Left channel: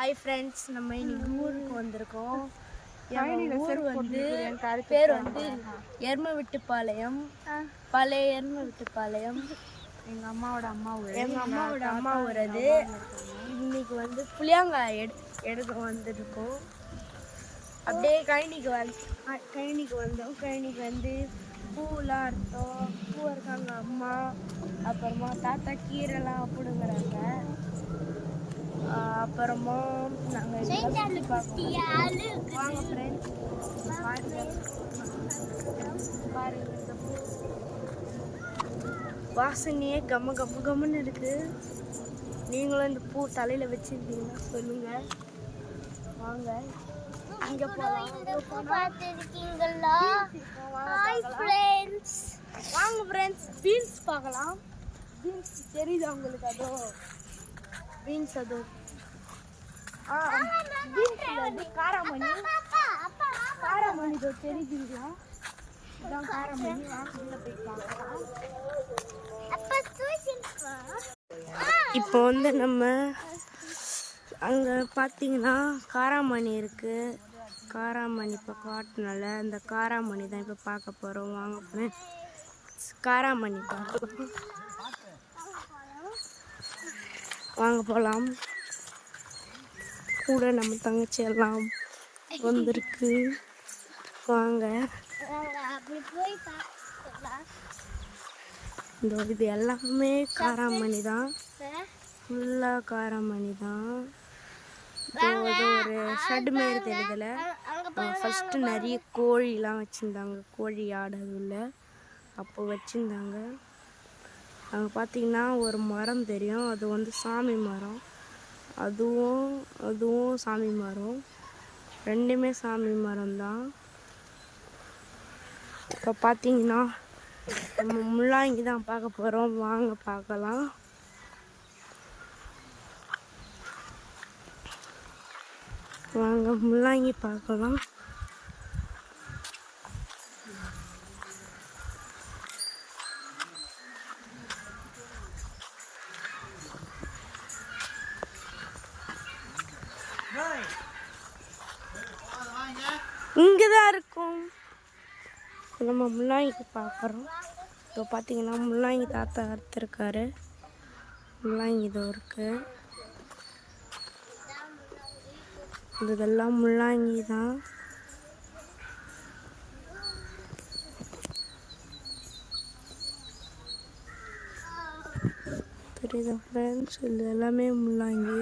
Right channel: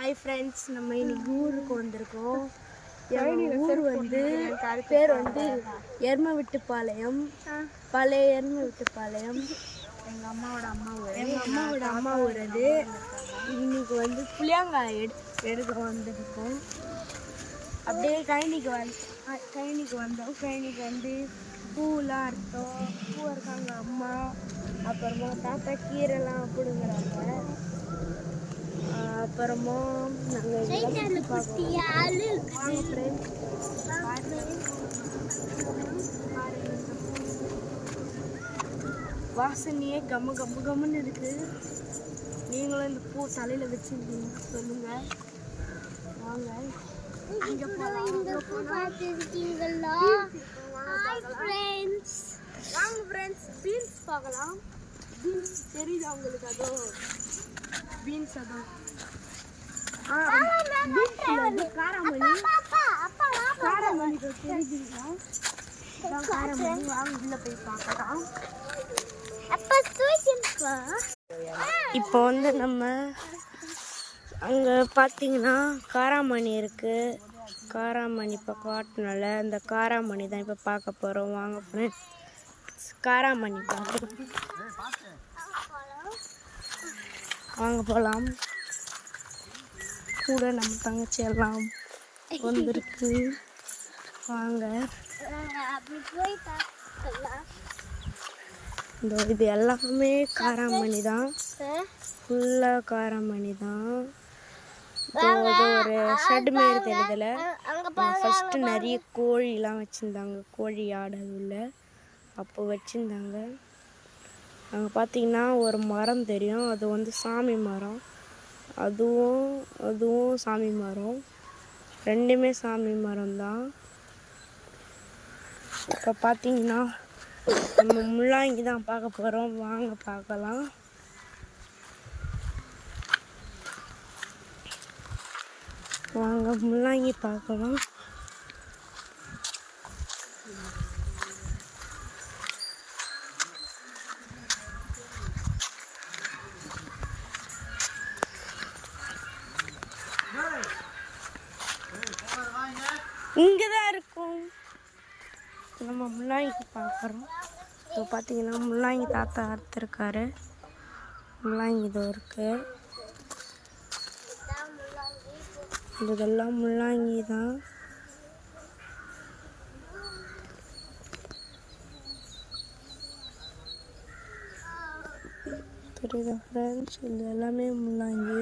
Hi friends, நம்ம இன்னைக்கு ஊருக்கு வந்திருக்கோம். ஊர் வந்து பேர் வந்து எருமவிட்டுப்பாளையம், பழைய எருமவிட்டுப்பாளையம். எங்கள் அம்மாவோட அம்மா ஊர். அம்மா ஊர் அது. இன்னைக்கு வந்து புளியங்காய் எடுக்க வந்திருக்கோம். அப்படியே கழனிக்கு வந்தோம். கழனிக்கு வந்து பூவெலாம் அறுத்தோம். பூ இருக்காங்க அம்மா, அப்புறமா தாத்தா கீரைலாம் பிடுங்க. அப்புறமா வாசனையே கம்மன்னு இருக்கு. நீங்களும் இந்த பூ தலையில வச்சிருக்கீங்க, சொல்லுங்க. வாங்க பீன்ஸ் பார்க்கலாம். பீன்ஸ் தெரியுதா உங்களுக்கு? அதோ பீன்ஸ், அதோ காராமணி தெரியுதுங்களா? காராமணி. வாங்க உள்ள போய் பார்க்கலாம். இப்போ வந்து நம்ம அங்கே பார்த்தீங்கன்னா காராமணி இருக்குது. காராமணி இப்போ காட்டினால அந்த காராமணி தான் இப்போ பார்க்க போகிறோம். வாங்க ஃப்ரெண்ட்ஸ், காராமணி பார்க்கலாம். வாங்க போகலாம். கூட நம்ம தங்கச்சி எல்லாம் வந்திருக்கு. வாங்க. இது எல்லாமே காராமணி தான், ஃபுல்லாக காராமணி தான். ஒரு ஷெட் மாரி தெரியுதுல, ஃபஸ்ட்டு நிறைய கோழிலாம் வச்சுருந்தாங்க. கோழி ஆடு உள்ள அப்போ வச்சுருந்தாங்க. அங்கே பார்த்தீங்கன்னா ஒரு மரம் தெரியும், அது வந்து சாமி மரம். அதுவும் சாமி மரம், ரெண்டுமே சாமி மரம் தான். இப்போ பார்த்தீங்கன்னா நம்ம முள்ளாங்கி தான் பார்க்க போகிறோம். வாங்க பார்க்கலாம். வாங்க முள்ளாங்கி பார்க்கலாம். இங்கதான் இருக்கும். நம்ம முள்ளாங்கி பார்க்குறோம். இப்போ பார்த்தீங்கன்னா முள்ளாங்கி தாத்தா அறுத்துருக்காரு. முள்ளாங்கி இதோ இருக்கு. இதெல்லாம் முள்ளாங்கி தான். தெரியுதா ஃப்ரெண்ட்ஸ்? இது எல்லாமே முள்ளாங்கி.